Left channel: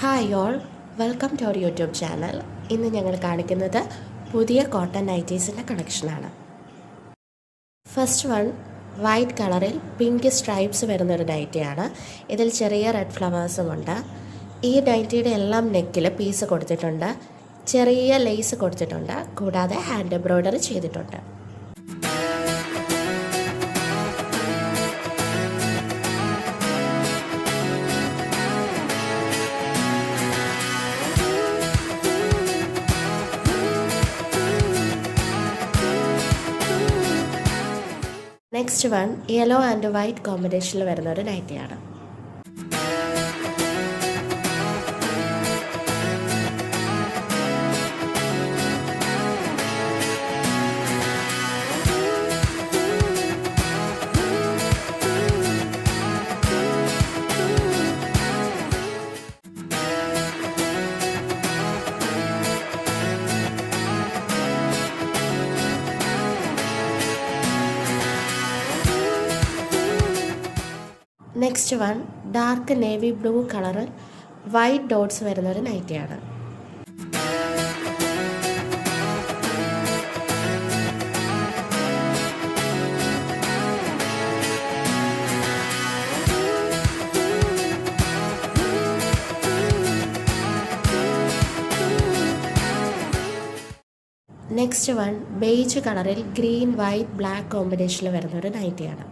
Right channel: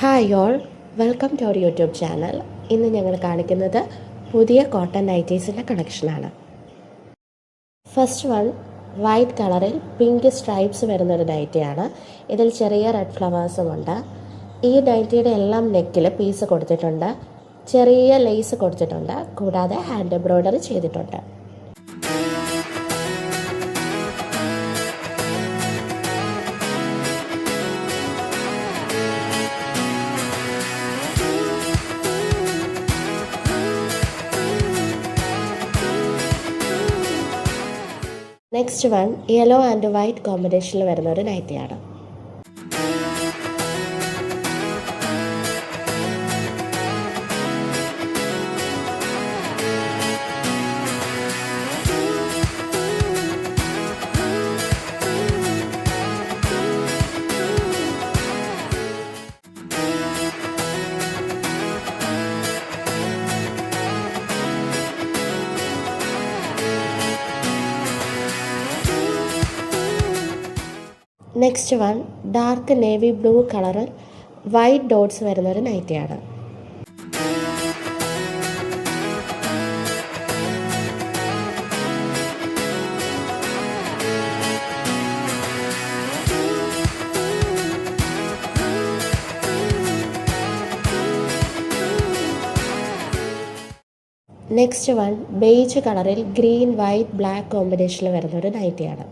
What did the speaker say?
Hi all, welcome to our YouTube channel. ഇന്ന് ഞങ്ങൾ കാണിക്കുന്നത് പുതിയ കോട്ടൺ നൈറ്റീസിൻ്റെ കളക്ഷനാണ്. ഫസ്റ്റ് വൺ വൈറ്റ് കളറിൽ പിങ്ക് സ്ട്രൈപ്സ് വരുന്നൊരു നൈറ്റിയാണ്. ഇതിൽ ചെറിയ റെഡ് ഫ്ലവേഴ്സുമുണ്ട്. ഈ നൈറ്റിയുടെ എല്ലാം നെക്കിൽ പീസ് കൊടുത്തിട്ടുണ്ട്, ചെറിയ ലേസ് കൊടുത്തിട്ടുണ്ട്, കൂടാതെ ഹാൻഡ് എംബ്രോയ്ഡറി ചെയ്തിട്ടുണ്ട്. Next one yellow and white കോമ്പിനേഷനിൽ വരുന്ന ഒരു നൈറ്റിയാണ്. Next one dark navy blue കളറിൽ വൈറ്റ് ഡോട്ട്സ് വരുന്നൊരു നൈറ്റിയാണ്. നെക്സ്റ്റ് വൺ ബേജ് കളറിൽ ഗ്രീൻ വൈറ്റ് ബ്ലാക്ക് കോമ്പിനേഷനിൽ വരുന്നൊരു നൈറ്റിയാണ്.